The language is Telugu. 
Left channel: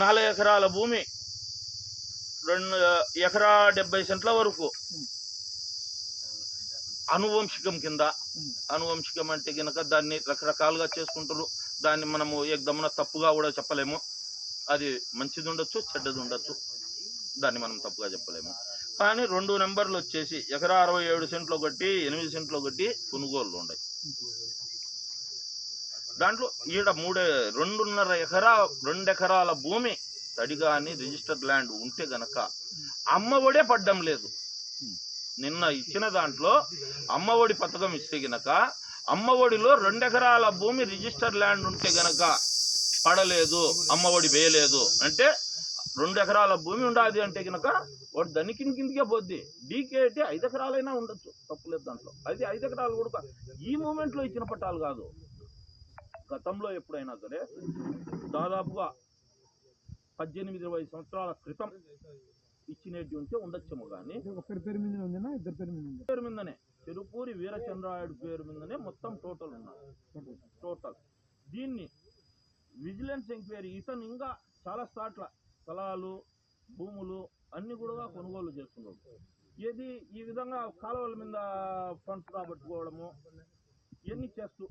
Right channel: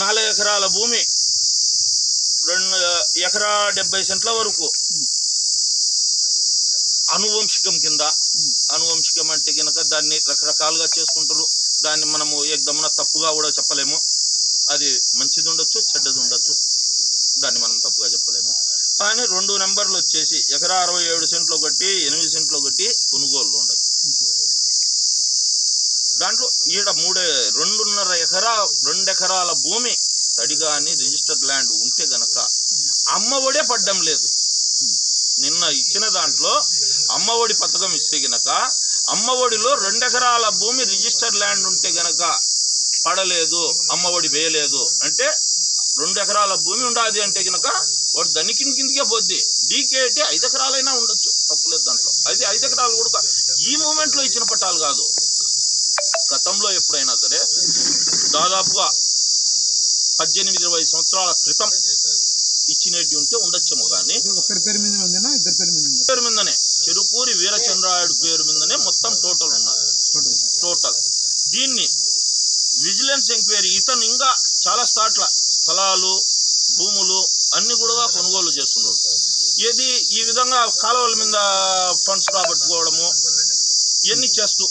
4 ఎకరాల భూమి 2 ఎకరా 70 సెంట్ల వరకు అనువంశికం కింద. అనువంశికం అంటే కనుక దాన్ని రకరకాలుగా చేసుకుంటారు. దాన్ని మనము ఏకదమ్మున తప్పుగా కూడా చెప్పలేము. అది మంచిది ఉండొచ్చు, చెడ్డది ఉండొచ్చు. దాన్ని మనం తప్పుగా చెప్పలేము. కానీ 2 నెంబర్లు వచ్చేసి ఎకరా 67 సెంట్లు ఒకటి, 8 సెంట్లు ఒకటి కొనుగోళ్ళు ఉన్నాయి. దాంట్లో ఈడ 2 ఎకరాల భూమి తడిగాని రిజిస్టర్డ్ ల్యాండ్ ఉంటే గనక అమ్మఒడే పడ్డం లేదు. నిన్న ఇచ్చిన దాంట్లో అమ్మఒడి పథకం ఇస్తే గనక అమ్మఒడిలో 2 ఎకరాల భూమి రిజిస్టర్డ్ ల్యాండ్ ఉంటే గనక పడలేదు, అమ్మఒడి వేయలేదు అంటే 2 ఎకరాల భూమి ఉండాది అంటే కనుక వాడు దానికి కిందకే పోద్ది. డీకే అంటే 5 ఎకరాలైనా ఉండొచ్చు, తప్పులేదు దాంట్లో. అయితే 5 ఎకరాలు కూడా ఈ మూమెంట్లో ఇచ్చిన పట్టాలు కాదు. గతంలో ఎప్పుడైనా సరే దాదాపుగా 18-20 సంవత్సరాల క్రితం ఇచ్చినట్టు ఉంటే ఉండొచ్చేమో. కానీ పేరు మీదనే చెరుకూరి వీరచంద్రాయుడు పేరు మీదనే మొత్తం టోటల్ ఉన్నారు. టోటల్ దీన్ని విజిలెన్స్ ఎంక్వైరీ ఇతను ఇంకా చాలా స్థలాలు, భూములు అన్ని కూడా కొనుగోలు చేస్తున్నాడు. ఏది ఈ విధంగా కాలువల మీద ఫండ్స్ రాబట్టుకోవడము ఇవన్నీ చేస్తూ